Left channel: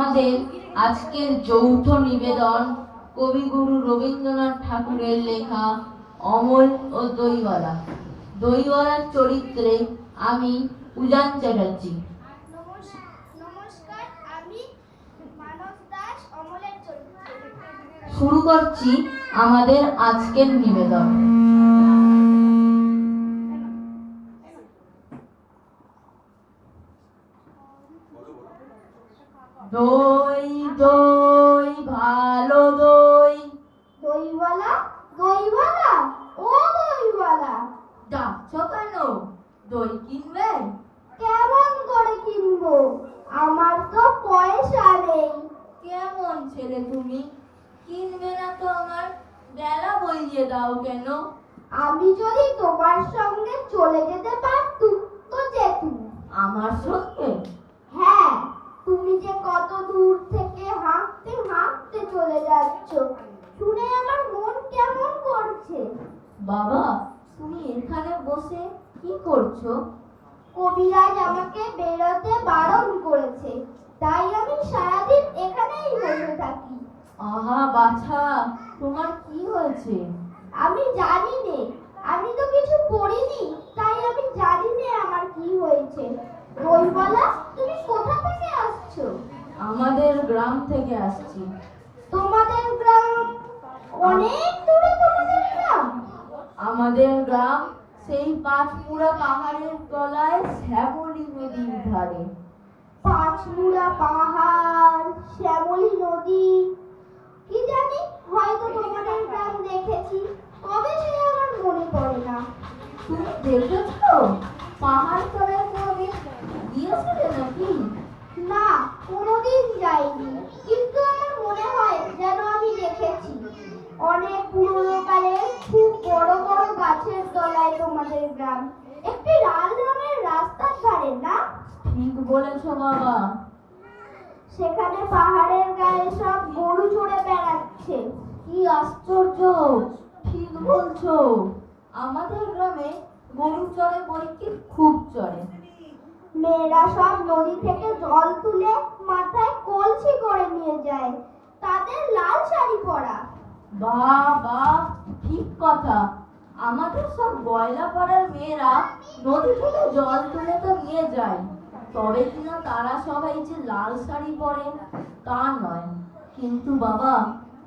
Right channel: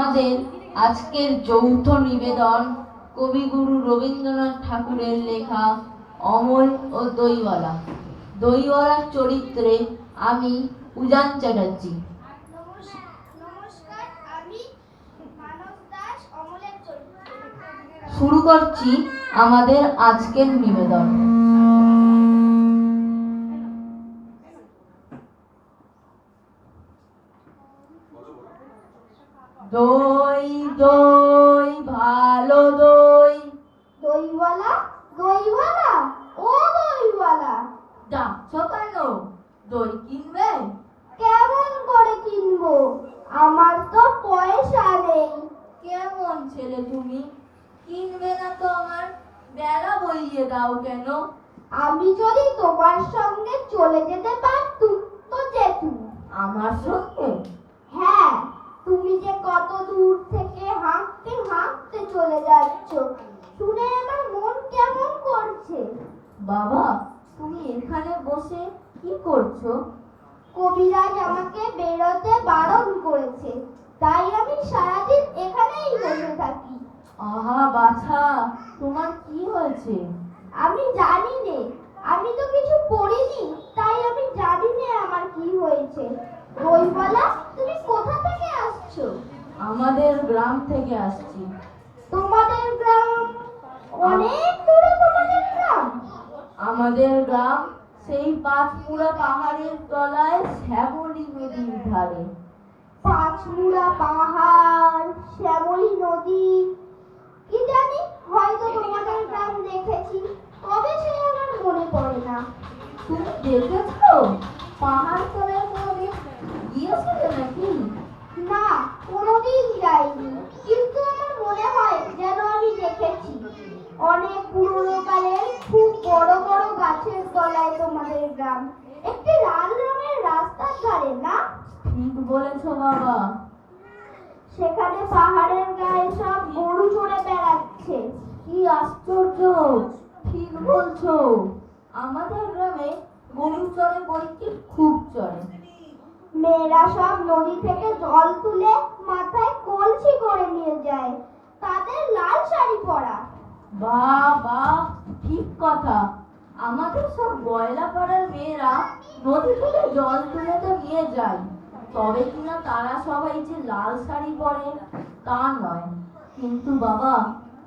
আমাদের আজকের যৌথ নিবেদন কবিগুরু রবীন্দ্রনাথ ঠাকুরের লেখা অমল ও দইওয়ালা। দইওয়ালার চরিত্রে আমি উজান চ্যাটার্জি। নমস্কার, আমি মানস দাস অমলের চরিত্রে। শুরু করছি আমাদের আজকের নিবেদন। দই দই ভালো দই। দইওয়ালা, দইওয়ালা, ও দইওয়ালা, ডাকছো কেন? দই কিনবে? কেমন করে কিনবো? আমার তো পয়সা নেই। কেমন ছেলে তুমি, কিনবে না তো আমার বেলা বইয়ে দাও কেন? আমি যদি তোমার সঙ্গে চলে যেতে পারতুম তো যেতুম। আমার সঙ্গে? হ্যাঁ, তুমি যে কত দূর থেকে হাঁটতে হাঁটতে চলে যাচ্ছ, শুনে আমার মন কেমন করছে। বাবা, তুমি এখানে বসে কি করছো? কবিরাজ আমাকে বেরোতে বারণ করেছে, তাই আমি সারাদিন এখানেই বসে থাকি। আহা বাছা, তোমার কি হয়েছে? আমি জানি নে, আমি তো কিছু পড়িনি, তাই আমি জানি নে আমার কি হয়েছে। দইওয়ালা, তুমি কোথা থেকে আসছো? আমাদের গ্রাম থেকে আসছি। তোমাদের গ্রাম? অনেক দূরে তোমাদের গ্রাম? আমাদের গ্রাম সেই পাঁচমুড়া পাহাড়ের তলায় শ্যামলী নদীর ধারে। পাঁচমুড়া পাহাড়, শ্যামলী নদী, কি জানি, হয়তো তোমাদের গ্রাম দেখেছি, তবে সে আমার মনে পড়ে না। তুমি দেখেছো? পাহাড় তলায় কোনোদিন গিয়েছিলে নাকি? না, কোনোদিন যাইনি, কিন্তু আমার মনে হয় যেন আমি দেখেছি। অনেক পুরনো কালের খুব বড় বড় গাছের তলায় তোমাদের গ্রাম, একটি লাল রঙের রাস্তার ধারে, না? ঠিক বলেছো বাবা। সেখানে পাহাড়ের গায়ে সব গরু চড়ে বেড়াচ্ছে। কি আশ্চর্য, ঠিক বলছো। আমাদের গ্রামে গরু চড়ে বইকে খুব চড়ে। মেয়েরা সব নদী থেকে জল তুলে মাথায় কলসি করে নিয়ে যায়, তাদের লাল শাড়ি পরা। বাহ বাহ, ঠিক কথা। আমাদের সব গয়লা পাড়ার মেয়েরা নদী থেকে জল তুলে তো নিয়ে যায়, তবে কিনা তারা সবাই যে লাল শাড়ি পরে তা নয়। কিন্তু বাবা,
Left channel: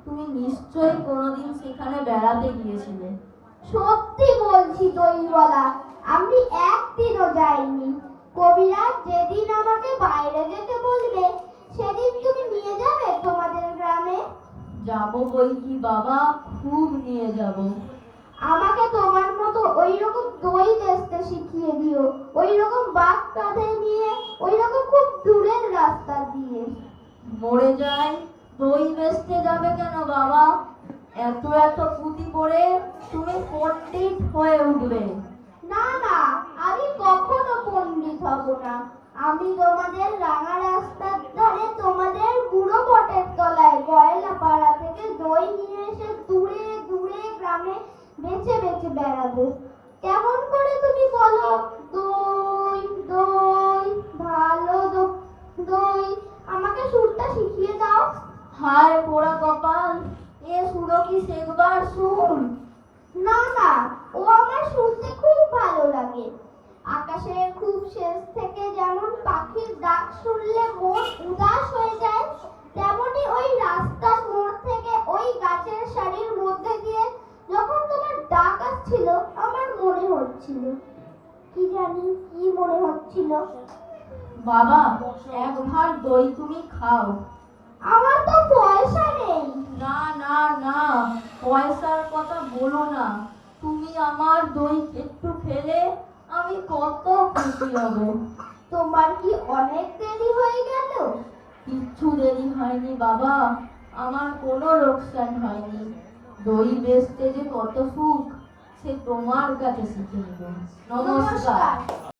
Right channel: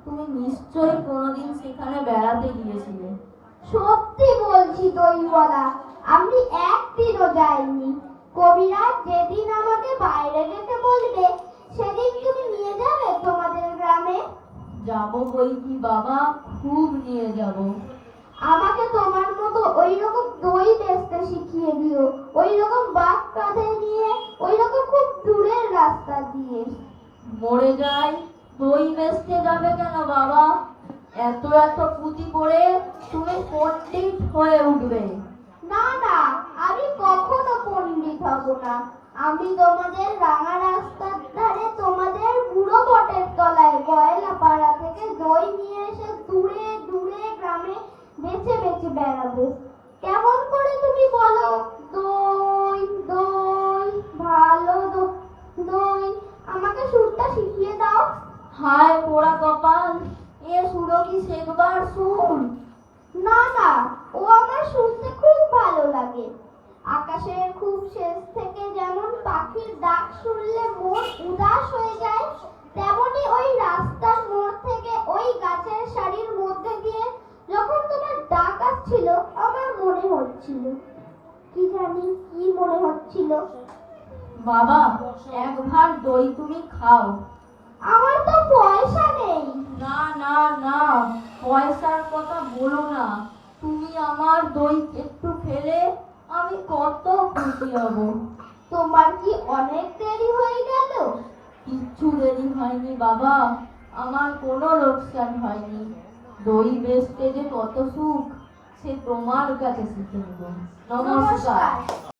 তুমি নিশ্চয়ই কোনোদিন সেখানে বেড়াতে গিয়েছিলে। সত্যি বলছি দইওয়ালা, আমি একদিনও যাইনি। কবিরাজ যেদিন আমাকে বাইরে যেতে বলবে, সেদিন তুমি নিয়ে যাবে তোমাদের গ্রামে? যাবো বই কি বাবা, খুব নিয়ে যাব। আমাকে তোমার মতো ওই রকম দই বেচতে শিখিয়ে দিও, ওই রকম বাঘ কাঁধে নিয়ে, ওই রকম খুব দূরের রাস্তা দিয়ে। মরে যাই, দই বেচতে যাবে কেন বাবা? এত এত পুঁতি পড়ে তুমি পণ্ডিত হয়ে উঠবে। না না, আমি কখনো পণ্ডিত হব না। আমি তোমাদের রাঙা রাস্তার ধারে তোমাদের বুড়ো বটের তলায় গয়লা পাড়া থেকে দই নিয়ে এসে দূরে দূরে গ্রামে বেচে বেচে বেড়াবো। কেমন করে তুমি বলো? দই দই ভালো দই, আমাকে সুরটা শিখিয়ে দাও। হায় পোড়া কপাল, এ সুরো কি শেখবার সুর? না না, ও আমার শুনতে খুব ভালো লাগে। আকাশের খুব শেষ থেকে যেমন পাখির ডাক শুনলে মন উদাস হয়ে যায়, তেমনি ওই রাস্তার মোড় থেকে ওই গাছের সারির মধ্যে দিয়ে যখন তোমার ডাক আসছিল, আমার মনে হচ্ছিল, কি জানি কি মনে হচ্ছিল। বাবা, এক ভার দই তুমি খাও। আমার তো পয়সা নেই। না না না, পয়সার কথা বলো না। তুমি আমার দই একটু খেলে আমি কত খুশি হব। তোমার কি অনেক দেরি হয়ে গেল? কিচ্ছু দেরি হয়নি বাবা, আমার কোনো লোকসান হয়নি। দই বেচতে যে কত সুখ, সে তোমার কাছে শিখে নেব। নমস্কার।